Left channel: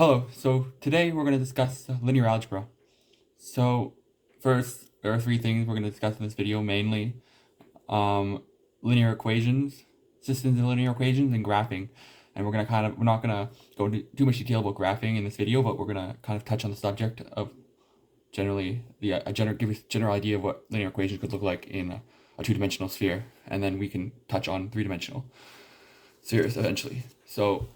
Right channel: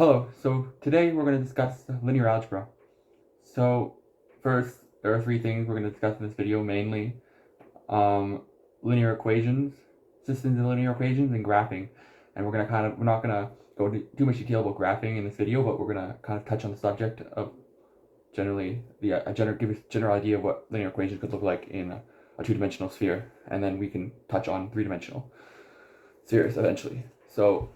Hello, so today we're going to discuss linear algebra. So first, there are three things we're going to discuss in this video mainly. Linear equations, systems of linear equations, and graphing. And we're not going to go into too much detail about graphing in this video, but we're going to kind of touch on the subject of generally, give a general idea of what linear equations could look like in a two-dimensional sphere. And then we can touch on three-dimensional spheres eventually. So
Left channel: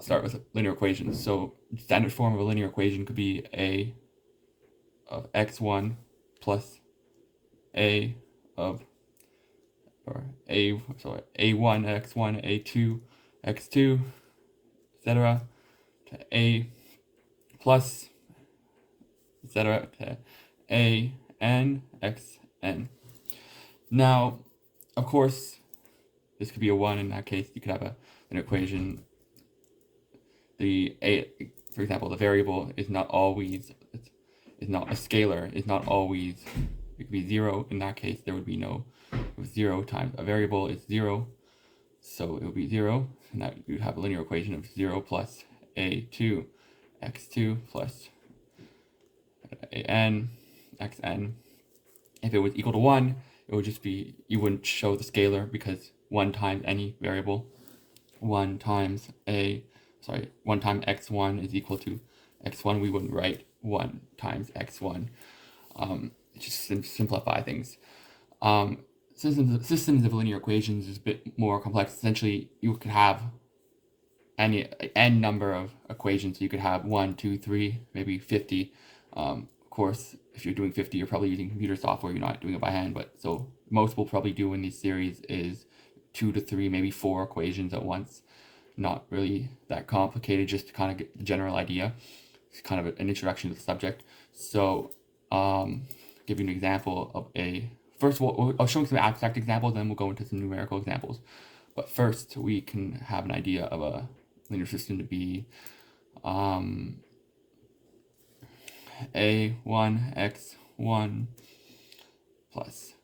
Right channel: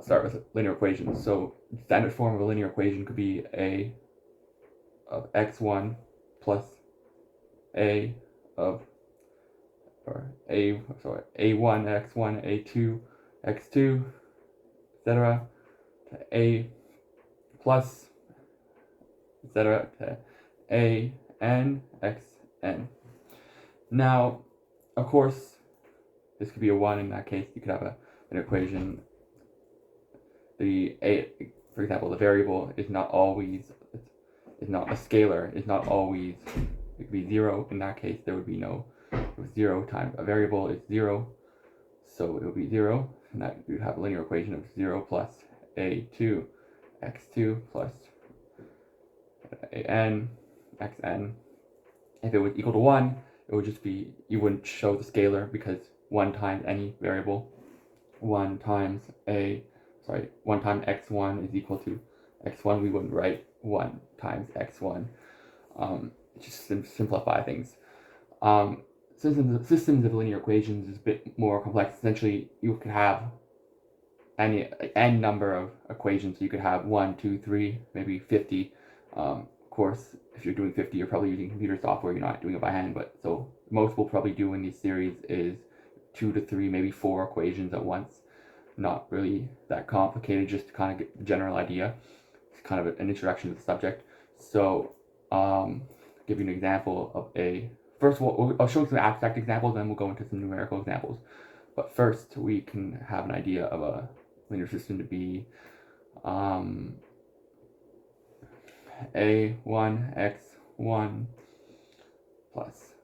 start with linear equations. So standard form of a linear equation could be a of x1 plus a of a1 x1 a2 x2 etc. to a plus etc. to a n xn. Now, of course, this could be a 1. In that case, you could have an equation. For example, the variable is not always, is not a scalar, is not always, it could be 0. In that case, there would be no, 0 times a variable is 0, so it would be 0, and that you have a linear equation of 0 plus a2 x2 plus an xn. If it was equal to 1, it would just be, you wouldn't show the scalar because 1 times any variable, 1 times x1 is equal to x1. We wouldn't write 1 times x1. Just simplify things. Systems of linear equations is a bit more complex. Essentially, you could have n number of equations. You could have 1, 2, 3, maybe 50. Of course, if you're doing 50, you're probably using computer software. You're not doing it by hand. But so most will probably do in these series is 2 to 3, maybe 4 equations at once. Not really that complicated, just to kind of get the general idea. It's kind of an introduction to the subject. So, give you an example of first of all, I'll show you some abstract examples, then we'll go into some numerical examples. But first, we can have an idea of a linear system to be a1 x1 plus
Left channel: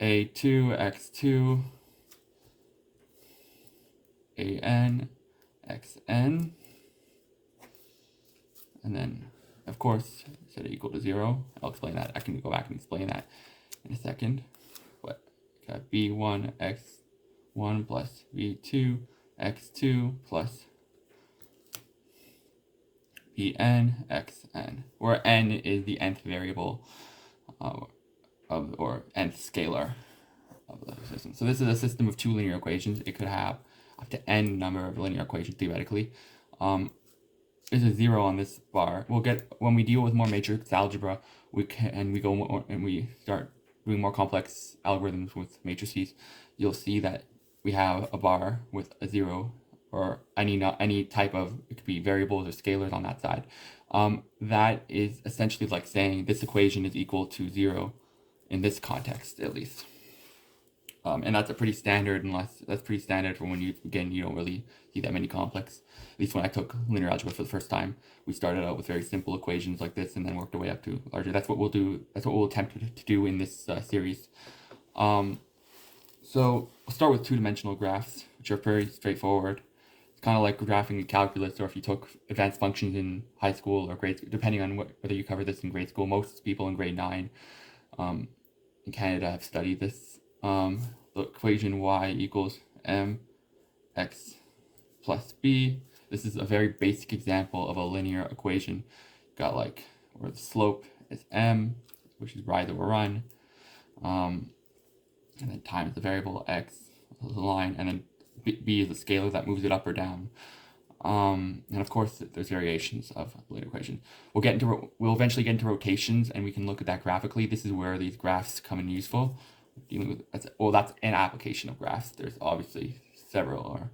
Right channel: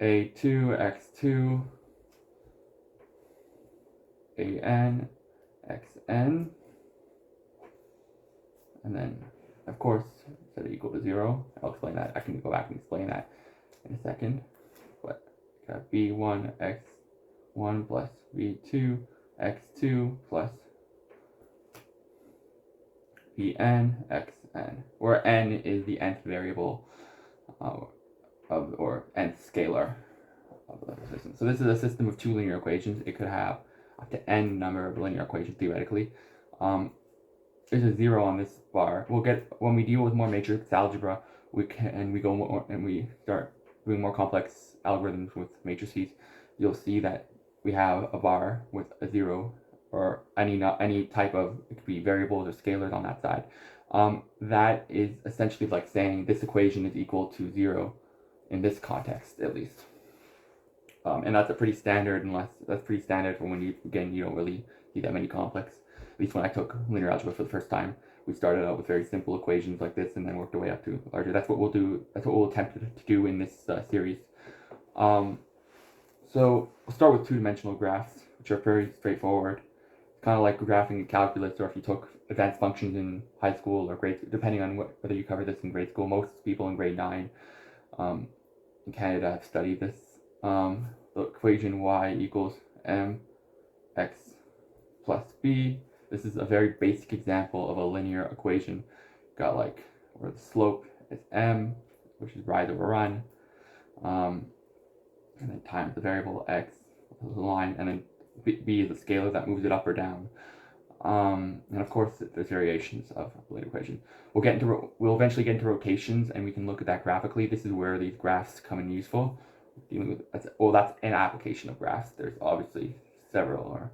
a2 x2 an xn, and then of course set it equal to 0. I'll explain that. I can go back and explain that in a second. But got b1 x1 plus b2 x2 plus bn xn, where n is the nth variable or nth scalar of the system. So this is a system of two linear equations. It could have up to n number of linear equations theoretically. There's a 0 on this bar. We'll get, when we deal with more matrix algebra, we start doing more complex algorithms with matrices, you'll see that we have a bar with a 0 or any type of, it could be variables or scalars on that side. That is essentially like saying this equation is equal to 0 in this context, at least. And that's pretty standard for when you don't really see that many complex. At least when I took linear algebra for the first time, we started out with very simple equations like this and then worked our way up to larger. That's what we'll do. That's what we'll attempt to do in this series. So we'll start with two-dimensional graphs, which are very straightforward. It's kind of like graphing in calculus, or if you took advanced functions in high school or grade school, depending on whether you cover this in grade school. Most people in grade 9 in Canada have studied this. The equation y equals mx plus b. This is a very basic example of a linear equation. Got like where the slope is m, which is rise over run, and then times the variable x, the line, and then b is the scalar that moves it up or down. And of course, there's variations of the linear equation. We'll eventually get into rotations, and we can look at that graphically. This is where these graphs come in useful. That's an application of graphs. There's obviously several or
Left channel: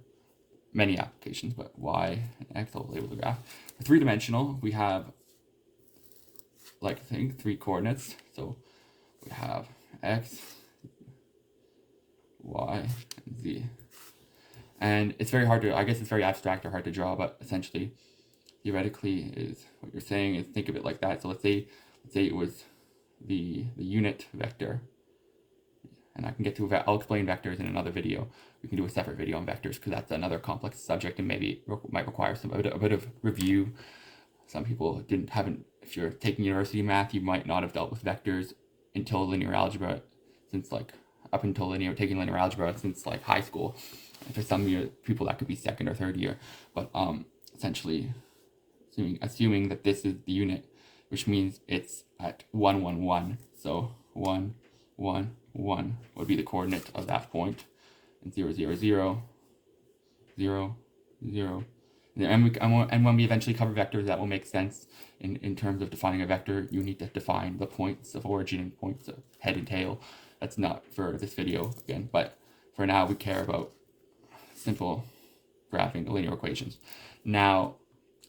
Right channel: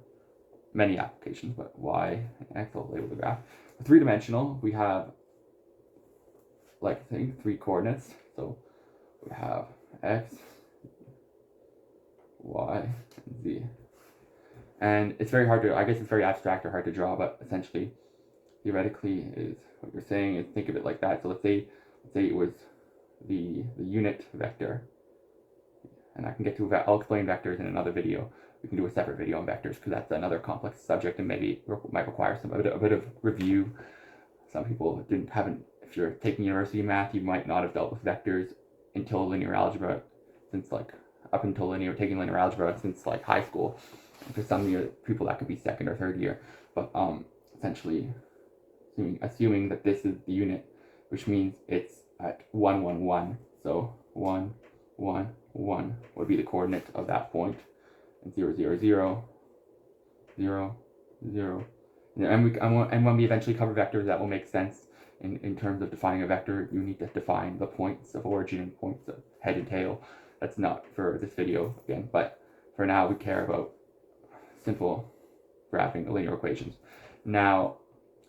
many applications, but y and x will label the graph. For three-dimensional, we have, three coordinates. So we have x, y, and z. And it's very hard to, I guess it's very abstract or hard to draw, but essentially, theoretically, is what you're saying is think of it like that. So let's say it was the unit vector. And I can get to, I'll explain vectors in another video, we can do a separate video on vectors because that's another complex subject and maybe might require a bit of review. Some people haven't. If you're taking university math, you might not have dealt with vectors until linear algebra, since like up until taking linear algebra since like high school. And for some people that could be second or third year, but essentially, assuming that this is the unit, which means it's at 1, 1, 1. So 1, 1, 1 would be the coordinate of that point, and 0, 0, 0, 0, 0. And when we eventually cover vectors, that will make sense. In terms of defining a vector, you need to define the points of origin and points of head and tail. That's not for this video again, but for now we care about simple graphing linear equations. Now,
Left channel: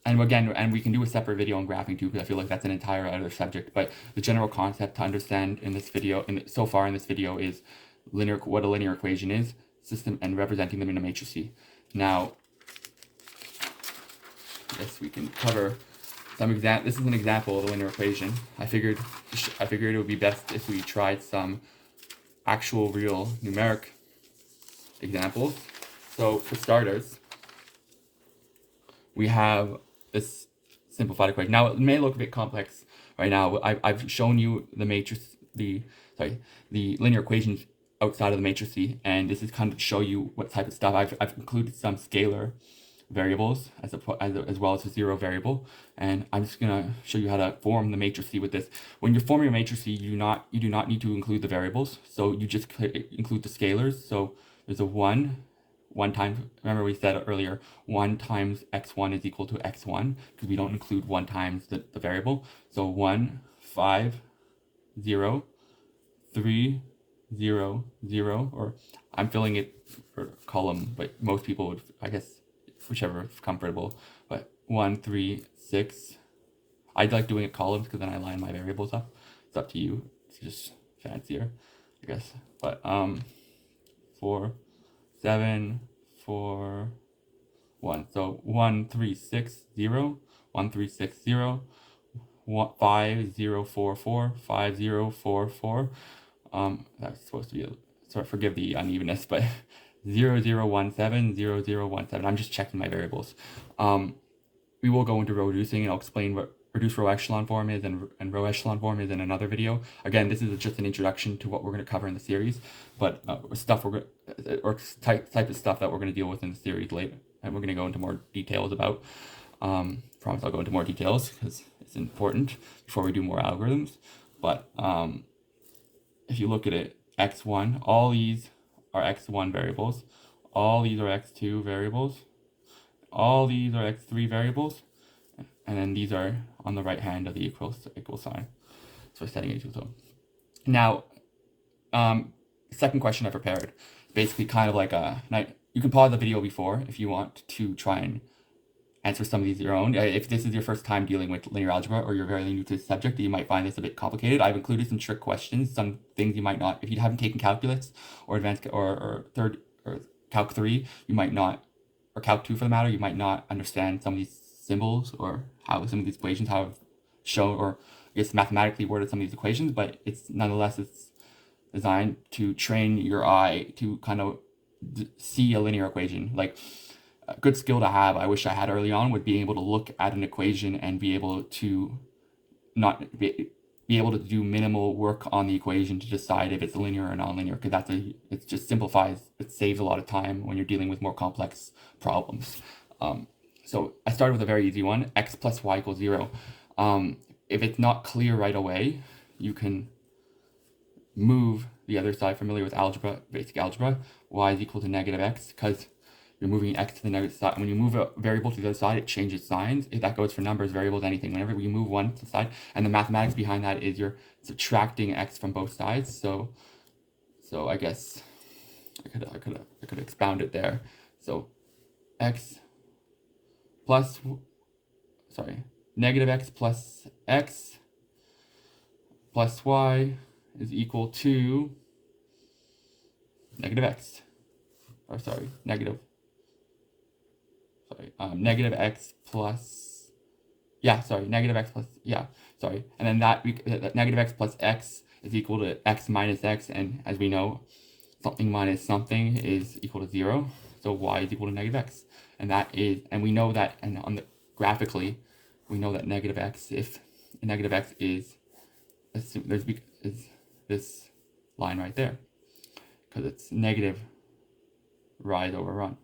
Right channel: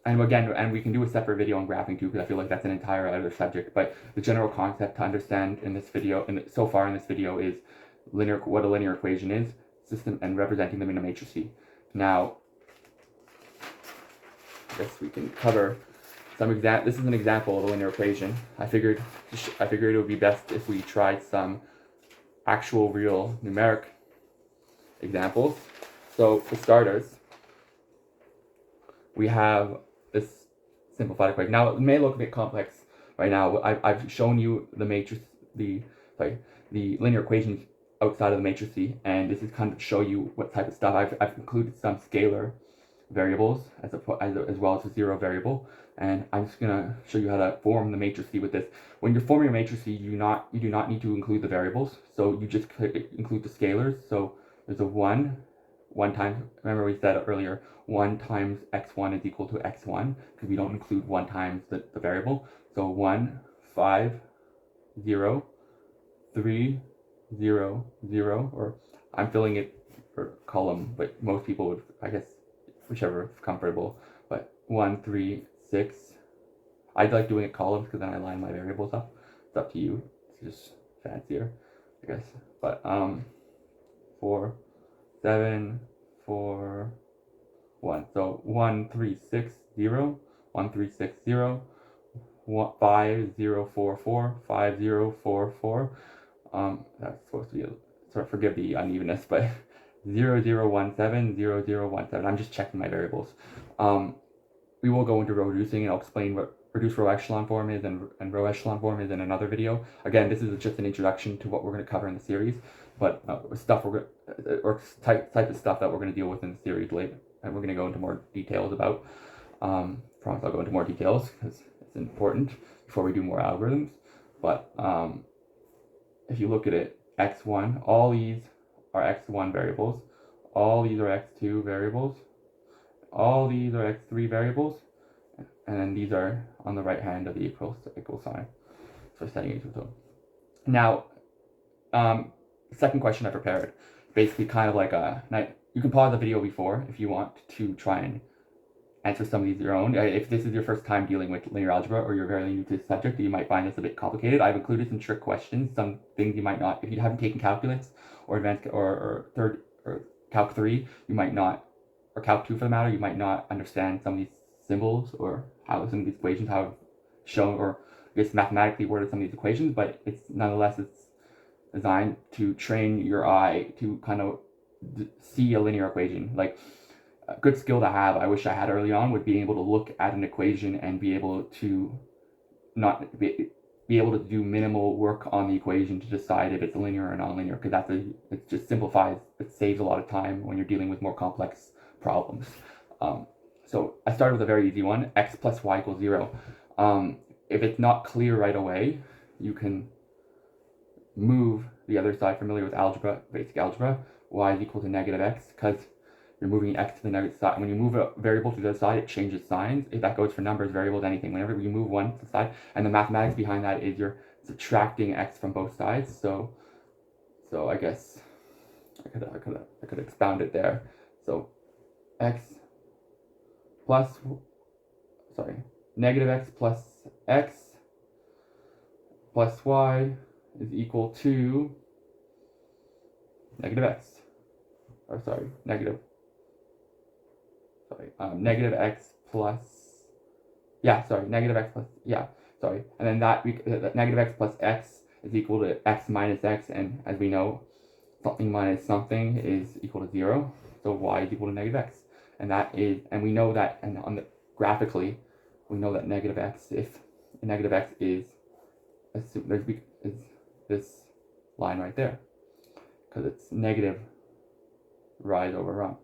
and we can do a separate video on graphing too, because I feel like that's an entire other subject. But the general concept to understand in this video, so far in this video, is what a linear equation is, system, and representing them in a matrix. Now, I guess we can cover some this is an example of a linear equation. I figured it would be best if we tried some actual real numeric examples. So for starters, we have this simplified equation. Now it may look a bit complex right now. I've shown you the matrix, the linear equations outside of the matrix, and this is kind of to show you what type of stuff. I've included some scalar variables as well as a zero variable, and I'm just gonna show you how to form the matrix with this. When you're forming a matrix, you do not need to include the variables, so you just include the scalars. So there's a 1 times, remember we said earlier, 1 times x1 is equal to x1, because we don't include 1 times the variable. So 1, 5, 0, 3, 0, 0, or I'm filling it for column, but most people would, I guess, whichever is comfortable, but 1, 3, 6. I like doing it columns because then I line my variables up. It's up to you. It's just fancier, I guess. But 4, 7, 4, 1. So 1, 3, 6, 0, 1, 3, 6, 0, 5, 0, 4, 4, 5, 0, 4, 4. That's supposed to be, sorry, forgive the unevenness, but 0, 0, 1, 7, 0, 0, 1, 7. I'm just checking my variables. We will go into row reducing, and I'll explain what reduced row echelon form is and row echelon form is in another video. Again, this is just an introduction to what we're going to cover in the series, but type of stuff that we're going to deal with in the series later, and we're going to go into more details about. Promise I'll go into more details because it's important before we do more algorithms. But if you look at it, x1, all these are x1 variables, all these are x2 variables, all these are x3 variables, and then these are on the right hand of the equal sign. So setting it equal to. Now, second question I prepared, basically kind of like you can pause the video before if you want to try and answer some of these your own. If this is your first time dealing with linear algebra or you're very new to the subject, you might find this a bit complicated. I've included some trick questions, some things you might not, if you haven't taken calculus or advanced or calc 3, you might not, or calc 2 for the matter, you might not understand some of these symbols or how some of these equations, how I've shown or I guess mathematically worded some of these equations, but it's designed to train your eye to kind of see a linear equation. Like, a good skill to have, I wish I had early on, would be able to look at an equation and be able to not be able to do minimal work on the equation to decide if it's linear or non-linear, because it just simplifies, it saves a lot of time when you're dealing with more complex problems. So I started with a very easy one, x plus y equals 0. If it's not clear right away, you can move the other side. Familiar with algebra, basic algebra, y is equal to negative x, because you're moving x to the negative side. When you move a variable to the other side, it changes signs. If that goes for numbers, variables, anything. Whenever you move one to the side, and the mathematics behind that is you're subtracting x from both sides. So I guess I could expound it there. So negative x plus x plus y is equal to negative x. Negative x plus, and then negative x plus x is equal to x minus x, and as we know, something minus something is equal to 0. So y is equal to negative x. And that is, and we know that, and on the graphically, we know that negative x, if negative x is this line right there, because it's negative rise over run,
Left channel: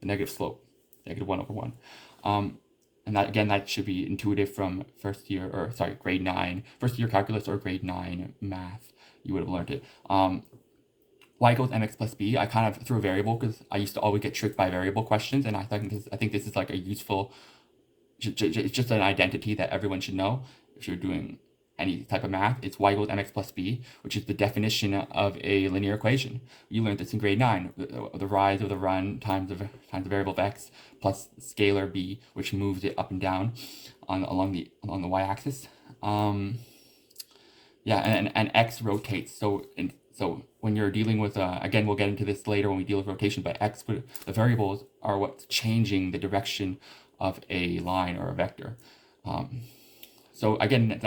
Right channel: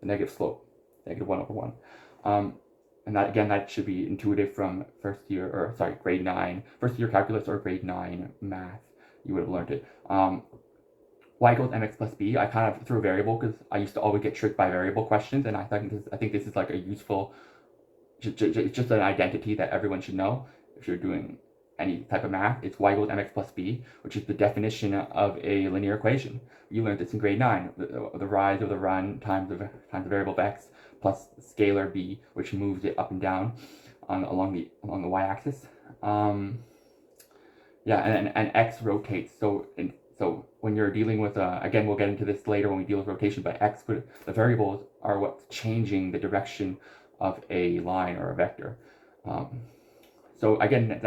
the negative slope, negative 1 over 1. And that, again, that should be intuitive from grade 9, first year calculus or grade 9 math. You would have learned it. Y equals mx plus b. I kind of threw a variable because I used to always get tricked by variable questions, and I think this is like a useful, it's just an identity that everyone should know if you're doing any type of math. It's y equals mx plus b, which is the definition of a linear equation. You learned this in grade 9, the rise of the run times the variable of x plus scalar b, which moves it up and down along the y-axis. Yeah, and x rotates. So when you're dealing with, again, we'll get into this later when we deal with rotation, but the variables are what's changing the direction of a line or a vector. So again,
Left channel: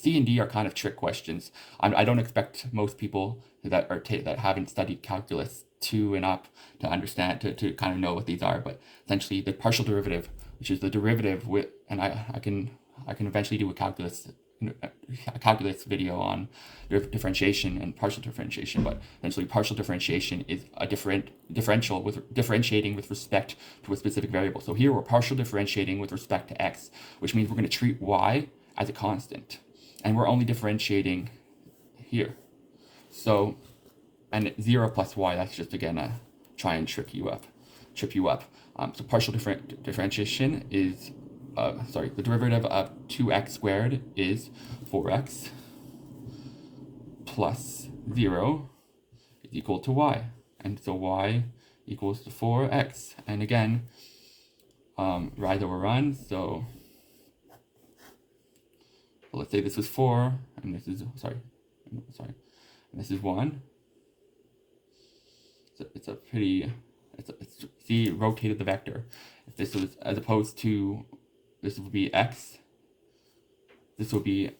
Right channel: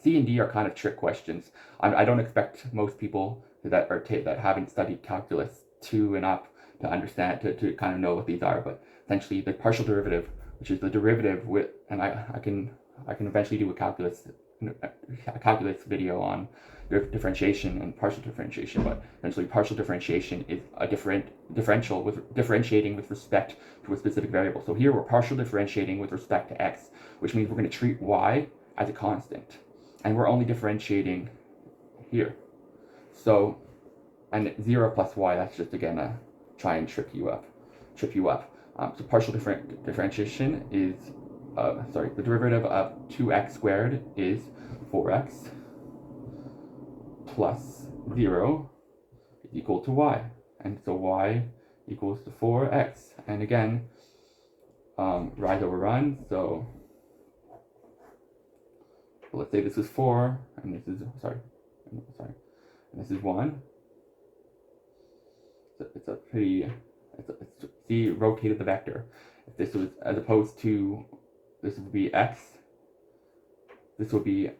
C and D are kind of trick questions. I don't expect most people that haven't studied calculus 2 and up to understand, to kind of know what these are, but essentially the partial derivative, which is the derivative with, and I can eventually do a calculus video on differentiation and partial differentiation, but essentially partial differentiation is a differentiating with respect to a specific variable. So here we're partial differentiating with respect to x, which means we're going to treat y as a constant, and we're only differentiating here. So, and 0 plus y, that's just again a try and trip you up. So partial differentiation is the derivative of 2x squared is 4x plus 0 is equal to y. And so y equals to 4x. And again, rise over run. So let's say this is 4, and this is, and this is 1. So see, rotated the vector. If this was, as opposed to, this would be x. This would be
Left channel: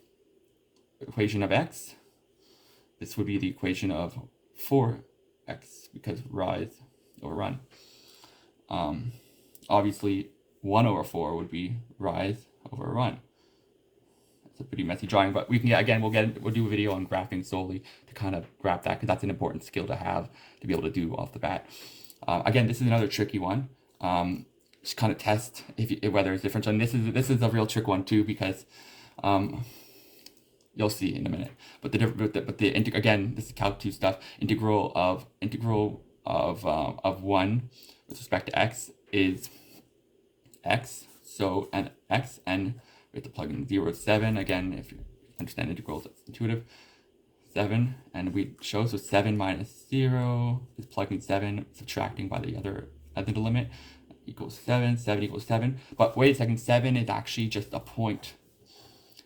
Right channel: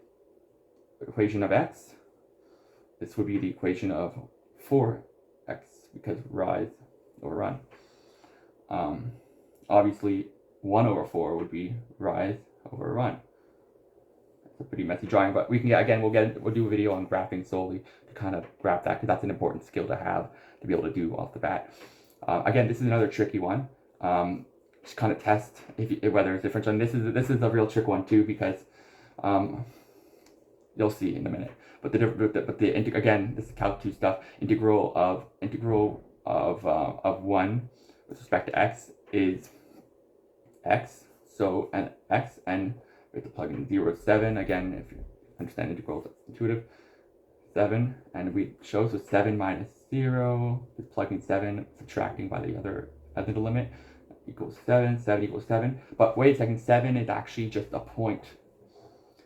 equation of x. This would be the equation of 4x, because rise over run. Obviously, 1 over 4 would be rise over run. It's a pretty messy drawing, but we can, again, we'll do a video on graphing solely to kind of graph that, because that's an important skill to have to be able to do off the bat. Again, this is another tricky one. Just kind of test whether it's differential. And this is a real trick one too, because you'll see in a minute. But again, this is Calc 2 stuff. Integral of 1 with respect to x is x. So and x, and we have to plug in 0 to 7. Again, if you understand integrals, it's intuitive. 7, and we show, so 7 minus 0 is plugging 7, subtracting by the other limit, equals 7. 7 equals 7. But wait a second, 7 is actually just a point.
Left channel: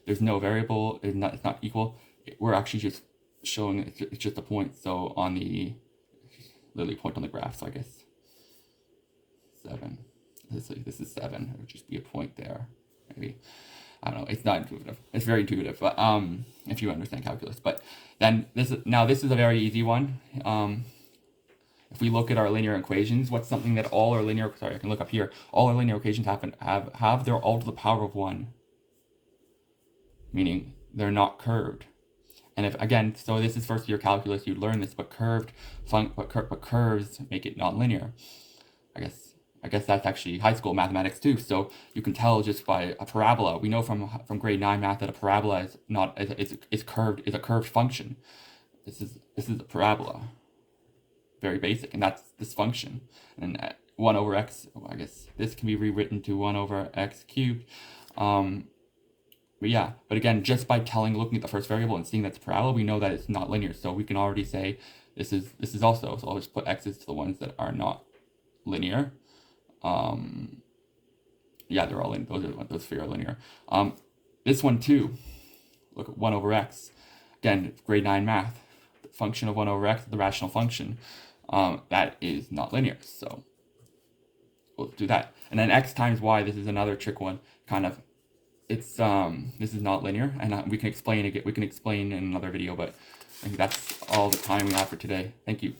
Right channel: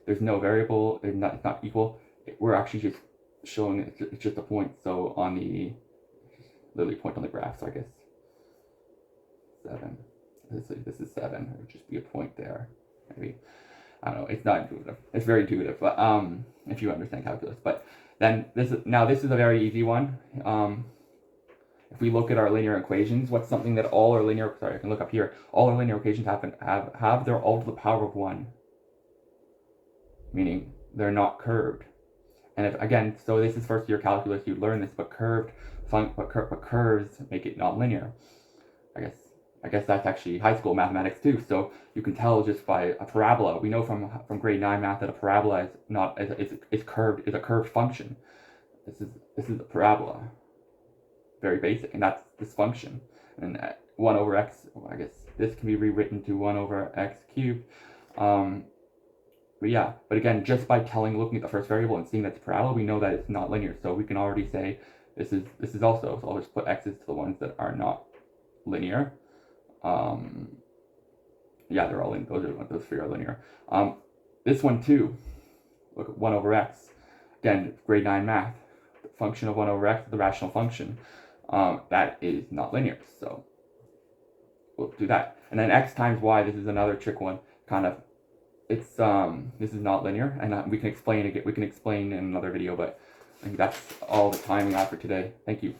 There's no variable. It's not equal. We're actually just showing it's just a point. So on the literally point on the graph. So I guess 7. This is 7. It would just be a point there. Maybe. I don't know. It's not intuitive. It's very intuitive, but if you understand calculus. But then this is a very easy one. If we look at our linear equations, what's something that all our linear, sorry, I can look up here. All our linear equations have their all to the power of 1, meaning they're not curved. And if, again, so this is first year calculus, you learn this, but curves make it non-linear. I guess that's actually high school mathematics too. So you can tell just by a parabola. We know from grade 9 math that a parabola is a curved function. This is a parabola. Very basic, and that's this function. And 1 over x, I guess this can be rewritten to 1 over x cubed. But yeah, but again, just by looking at the first variable and seeing that's parabola, we know that it's not linear. So we can already say this is also. So I'll just put x's to the ones that are not linear. Yeah, they're all in. Those three are linear. This one too. Look at 1 over x. Again, grade 9 math. The function of 1 over x, the rational function, that is not linear. So we'll do that. And then x times y. This is another trick one. Kind of. It's this is not linear, and we can explain it. We can explain in another video, but I think that's all the time we have for today. Thank you.